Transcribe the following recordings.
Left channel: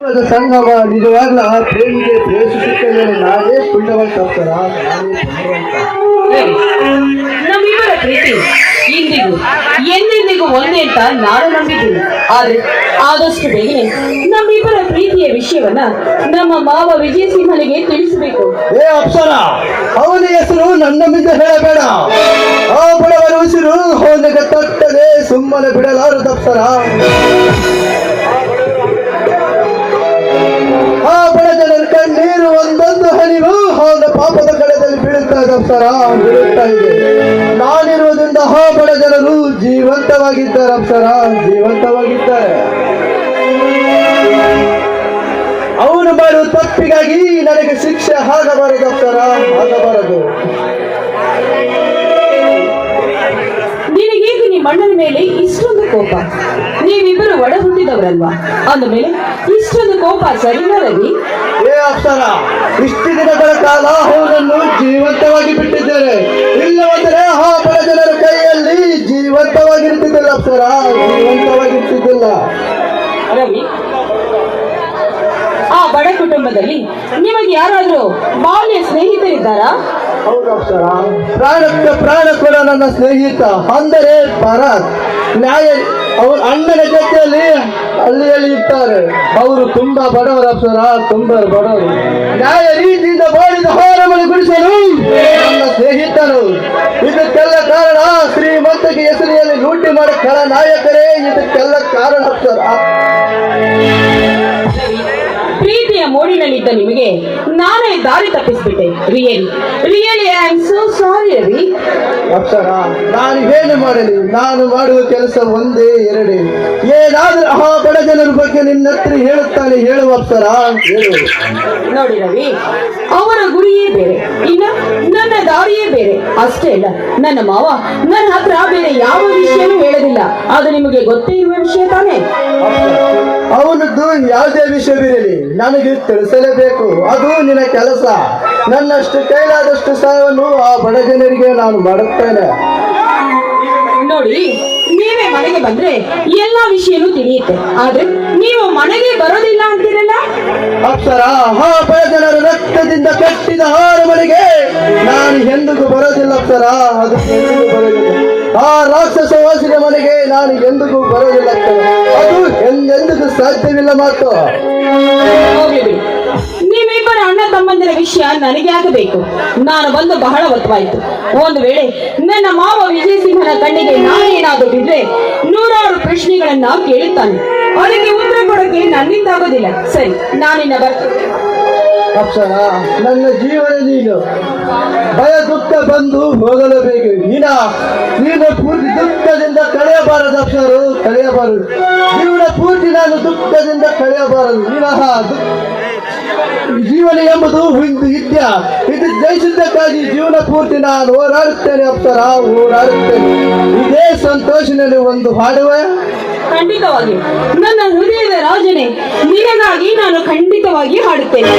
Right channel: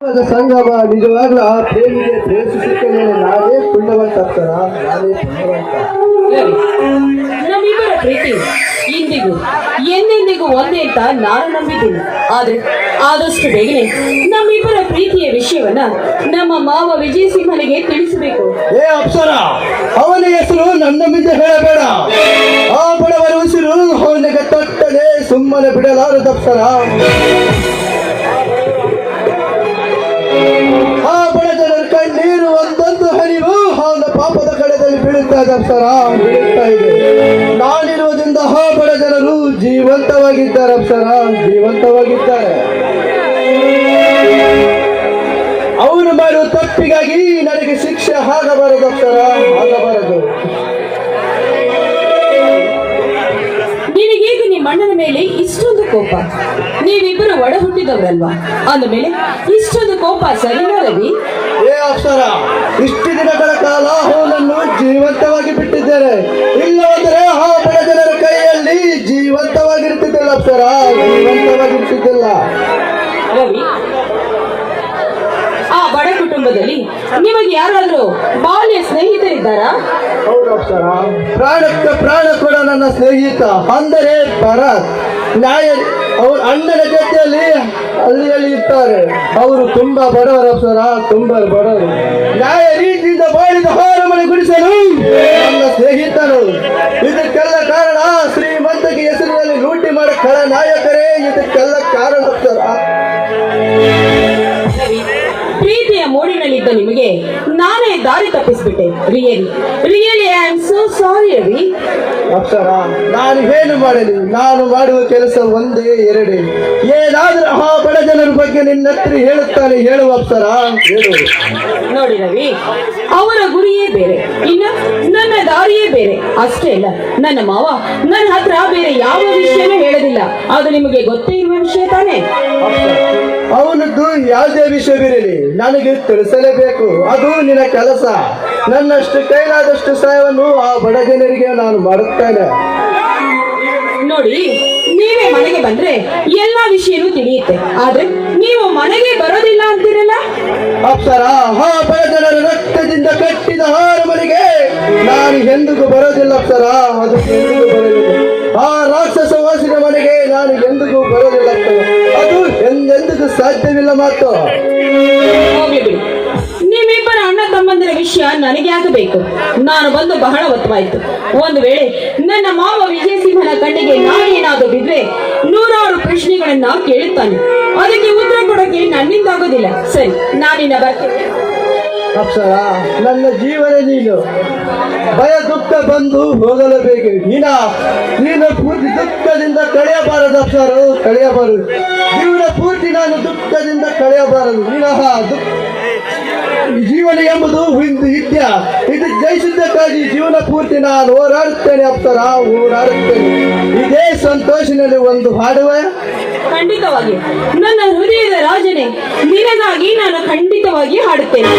ಸಂಗಮ ನಿಜವಾಗ್ಲೂ ಆ ಪ್ರೇಮಿಗೆ ಪ್ರೇಷಿಸುತ್ತೆ ನಾನೇ ಪುಣ್ಯವಂತ ನಮ್ಮಿಬ್ಬರ ಪ್ರೀತಿ ಇಂದಿಗೂ ಎಂದೆಂದಿಗೂ ಒಂದೇ ಅಂತ ನಾನು ನಂಬಿದ್ದೀನಿ. ಆದ್ರೆ ಆದಷ್ಟು ಬೇಗನೆ ನಮ್ಮಿಬ್ಬರ ಪ್ರೀತಿಯ ವಿಷಯವನ್ನ ನಮ್ಮ ಮಾವ ವಿಜಯ ಸಿಂಹನಿಗೆ ತಿಳಿಸಬೇಕು. ಏ ಅಪ್ಸರ ಅವನ ಹೆಸರು ನನ್ನ ಮುಂದೆ ಹೇಳಬೇಡ. ಆ ಬಡವರ ಉಸಿರು ಹೋದಾಗ ತಟ್ಟದೆ ಸುಮ್ಮನೆ ಬಿಡಲಾರದು ಅಪ್ಸರ ಬೀಳುತ್ತಾ ಇದೆ. ನಾನಿರುವುದರಿಂದ ಆ ಬಡ ಜನರು ಜೀವಂತವಾಗಿದ್ದಾರೆ ಅಪ್ಸರ. ಜೀವಂತವಾಗಿದ್ದಾರೆ. ಅವನು ಮಾಡುವ ತಪ್ಪಿಗಾಗಿ ನನಗೆ ಶಿಕ್ಷೆ ಆಗಬಾರದು ಅಪ್ಸರ. ಆಗಬಾರದು. ನಿನಗೇಗೆ ನಿಮ್ಮ ಅಣ್ಣನ ಮೇಲೆ ಇಷ್ಟೊಂದು ಕೋಪ. ನೀವಿಬ್ಬರು ಒಡ ಹುಟ್ಟಿದವರಲ್ವಾ ಅಂದ ಮೇಲೆ ಇಷ್ಟೊಂದು ಕೋಪ ಸರಿನಾ ರವಿ? ಅಪ್ಸರ ಇಷ್ಟು ದಿನಗಳ ಕಾಲ ಅವನನ್ನು ಜೀವಂತವಾಗಿ ಬಿಟ್ಟಿದ್ದೇನೆ. ಇಲ್ಲವಾದರೆ ಆ ಬಡ ಜನರ ಕೈಯಲ್ಲಿ ಜೀವಂತವಾಗಿರ್ತಿದ್ದಿಲ್ಲ ಅಪ್ಸರ. ಜೀವಂತವಾಗಿರ್ತಿದ್ದಿಲ್ಲ ರವಿ ಆ ಬಡ ಕುಟುಂಬದಲ್ಲಿ ನಿಮಗೆ ಯಾರಾದರೂ ಬಾಲ್ಯ ಸ್ನೇಹಿತರಿದ್ದಾರಾ? ಪ್ರಾಣಕ್ಕೆ ಪ್ರಾಣ ಕೂಡ ನನ್ನ ಸ್ನೇಹಿತ. ಅಂದರೆ ಭರತ್. ನ್ಯಾಯ ಅವ್ರ ಅಣ್ಣನ ಜೊತೆಯಲ್ಲಿ ಹಳ್ಳಿಯಲ್ಲಿ ಇರ್ತಾರೆ. ಅವರು ತುಂಬಾ ಬಡವರ ಸರ್ ತುಂಬಾ ಬಡವರು. ನ್ಯಾಯ ರೀತಿಯಿಂದ ಮಾಡಿದ ಹೋರಮನೆ ಗುಡಿಸಲು ನಮ್ಮ ಸ್ನೇಹಿತರು. ಇದಕ್ಕೆಲ್ಲ ಕಾರಣ ಶ್ರೀಮಂತಕ್ಕೆ ಹೆಸರಿನಲ್ಲಿ ಲೂಟಿ ಮಾಡಿ ಕಳ ನಾಯಕರೇ, ಇದಕ್ಕೆಲ್ಲ ಕಾರಣ ಪ್ರೀತಿಯ ಮೋಡಿನಲ್ಲಿದ್ದ ನಿಮಗೆ ನಾನೇ ದಾರಿ ತಪ್ಪಿಸ್ಬಿಟ್ಟೆ. Really really I am so sorry Ravi. Apsara ನಾನು ಏನು ಮಾಡಲಿ? ನಾನು ಮಾಡುವ ಕೆಲಸ ಒಂದೇ ಎರಡೇ. ಏನಾದ್ರೂ ಆ ಬಡ ಜನರ ಬಗ್ಗೆ ನಿನ್ನ ಹತ್ರ ಹೇಳುತ್ತಾನೆ ಹೇಳುವ ಅಪ್ಸರ. ಹೇಳುವುದು ನೋಡಿ ರವಿ ಅವರ ಗುರಿಯೇ ಬೇರೆ. ಇನ್ನು ನನ್ನ ದಾರಿಯೇ ಬೇರೆ. ಅಷ್ಟೇ ಇಲ್ಲ ನನ್ನ ಮಾವ ನನ್ನ ಹತ್ರ ಬೇರೆ ಯಾವ ವಿಷಯನೂ ಹೇಳೋದಿಲ್ಲ. ಅದು ನಿಮಗೆ ಗೊತ್ತೇ ಇರುವ ವಿಷಯ ತಾನೇ? ಅವನದ್ದು ಯಾವುದೇ ವಿಷಯವಿರಲಿ ನನಗೆ ತಿಳಿಸಲೇಬೇಕು. ಅದು ನಿನ್ನ ಕೆಲಸ. ನನ್ನಷ್ಟು ಕೈಲಾದಷ್ಟು ಸಹಾಯವನ್ನು ಆ ಬಡ ಜನರಿಗೆ ನಾನು ಮಾಡುತ್ತೇನೆ. ನೋಡಿ ನೀವೇ ಮನೆಗೆ ಬಂದ್ರೆ ಎಲ್ಲ ವಿಷಯನೂ ತಿಳಿಯುತ್ತೆ. ಆದ್ರೆ ನೀವು ಮನೆಗೆ ಬರೋದಿಲ್ಲ ಅಂತೀರಲ್ಲ? ಅಪ್ಸರ ಹಾ ಜನರ ರಕ್ತದಿಂದ ಕಟ್ಟಿದ ಹಾರ ಮನೆಗೆ ನಾನು ಎಂದಿಗೂ ಬರೋದಿಲ್ಲ ಅಪ್ಸರ. ಅದು ಎಂದಿಗೂ ಬರೋದಿಲ್ಲ. ಆ ರಾಕ್ಷಸ ಸಾಧ್ಯವಿಲ್ಲ ಮಾತು. ನೀವಿಬ್ಬರ ಅಣ್ಣ ತಮ್ಮಂದಿರ ವಿಷಯ ನನಗೆ ಆಗಬೇಕು. ನಾನು ಬಂದು ಬಹಳ ಹೊತ್ತಾಯ್ತು ಒಂದು ವೇಳೆ ನನ್ನ ಮಾವ ವಿಜಯ ಸಿಂಹನ ಕಣ್ಣಿಗೆ ನಾನೇನಾದ್ರೂ ಬಿದ್ರೆ ನೂರಾರು ಪ್ರಶ್ನೆಗಳನ್ನ ಕೇಳುತ್ತಾನೆ. ಅದಕ್ಕೆ ಉತ್ತರ ಕೊಡೋಕೆ ನನ್ನಿಂದ ಆಗೋದಿಲ್ಲ ಸರಿ ನಾನಿನ್ನ ಬರ್ತೇನೆ ಅಪ್ಸರ ನನ್ನ ಜೀವನ ನೀನು. ಭಯ ದುಃಖ ಬಂದು ಹೋಗಲೇಬೇಕು. ನೀನ ನೀನು ಪೂರ್ತಿ ದುಃಖದಿಂದ ಕಳೆಯಬಾರದು ಅಪ್ಸರು ಕಳೆಯಬಾರದು. ಜೀವನ ಪೂರ್ತಿ ನಾನು ದುಃಖದಿಂದ ಕಳೆಯಬಾರದು. ವಿನಃ ಜೀವನ ಎಂಬುದು ನಿತ್ಯ ಇದು ಜಯಿಸಿದ್ದಕ್ಕಾಗಿ ಜೀವನ ಪೂರ್ತಿ ನಾನು ಹೋರಾಡುತ್ತೇನೆ ಅಪ್ಪರ ಹೋರಾಡುತ್ತೇನೆ. ಇದೇ ಸಂತೋಷದಲ್ಲಿ ಒಂದು ಹಾಡುವೆ. ಖಂಡಿತವಾಗಿ ನನ್ನ ಹೃದಯದ ರಾಜನೇ, ನಿನಗಾಗಿ ನಾನು ಖಂಡಿತವಾಗಿ ಹಾಡುತ್ತೇನೆ.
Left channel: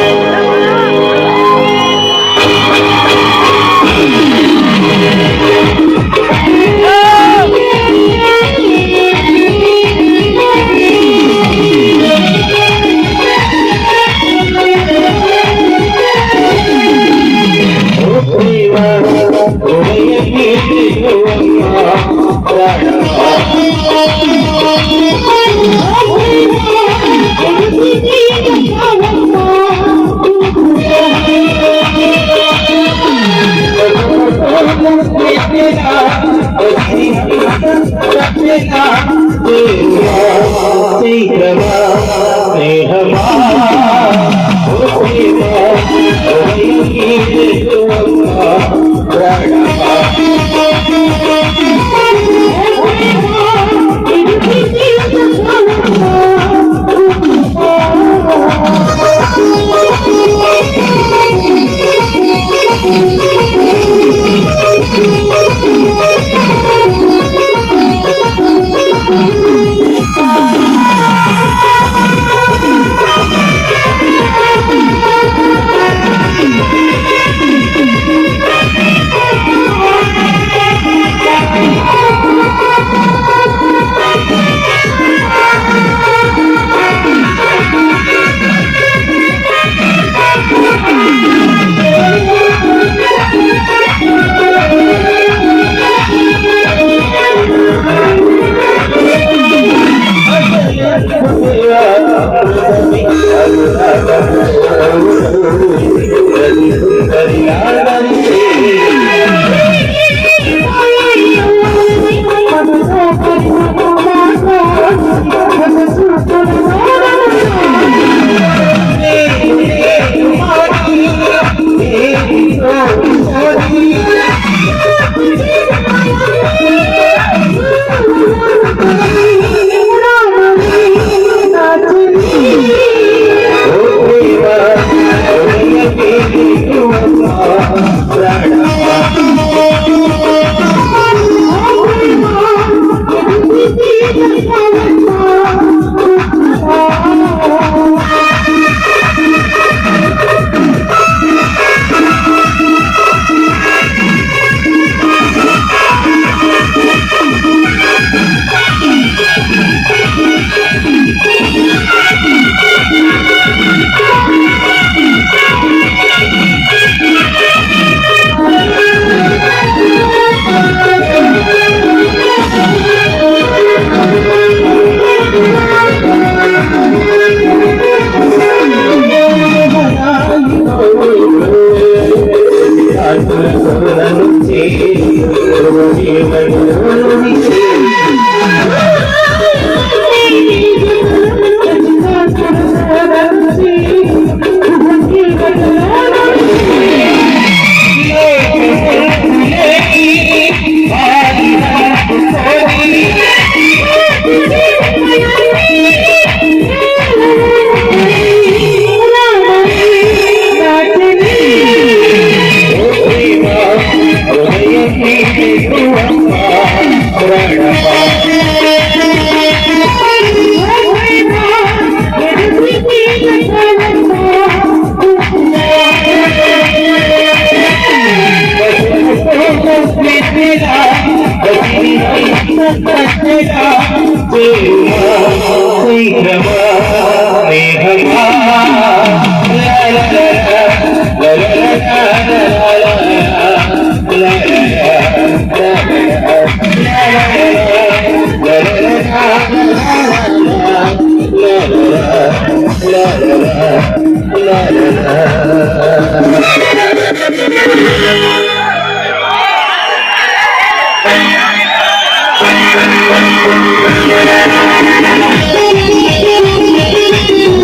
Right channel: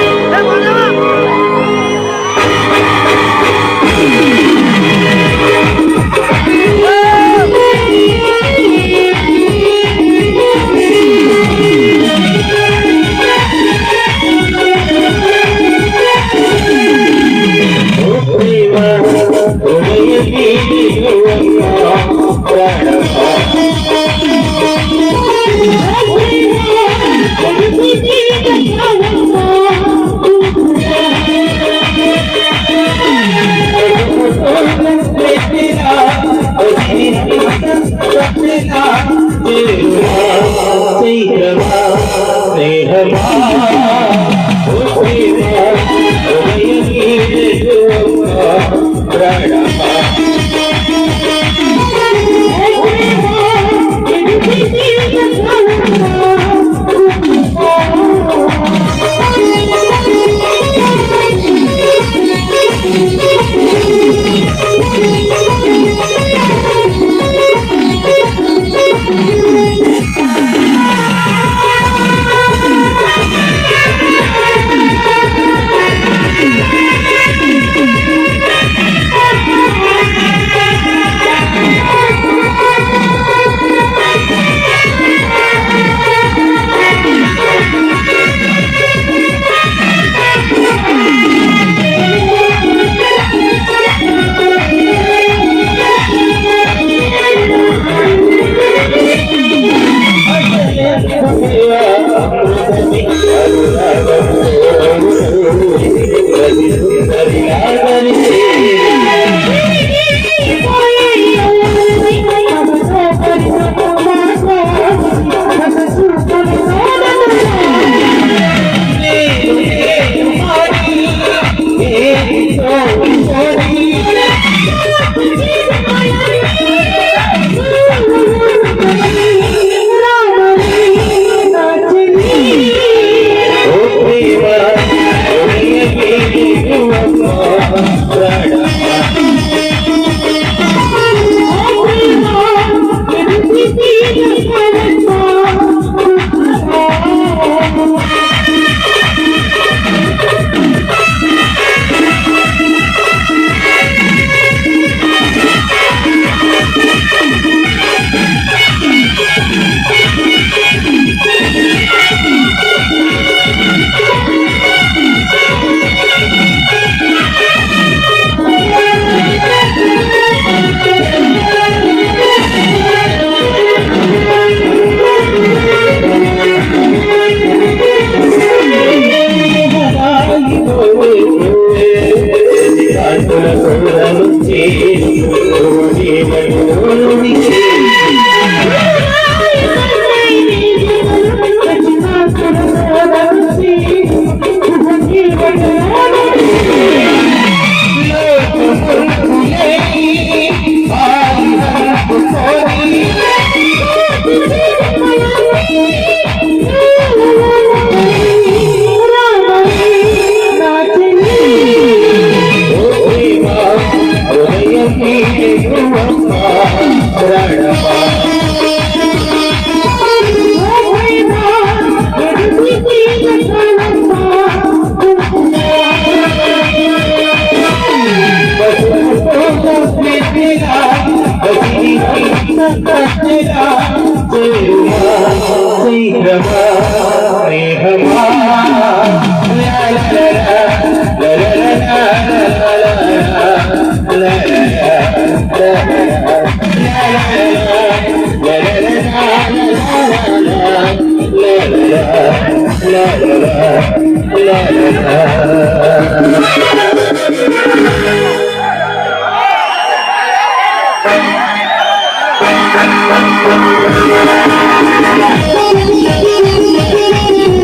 तेरा तेरा तेरा हरी Thank you.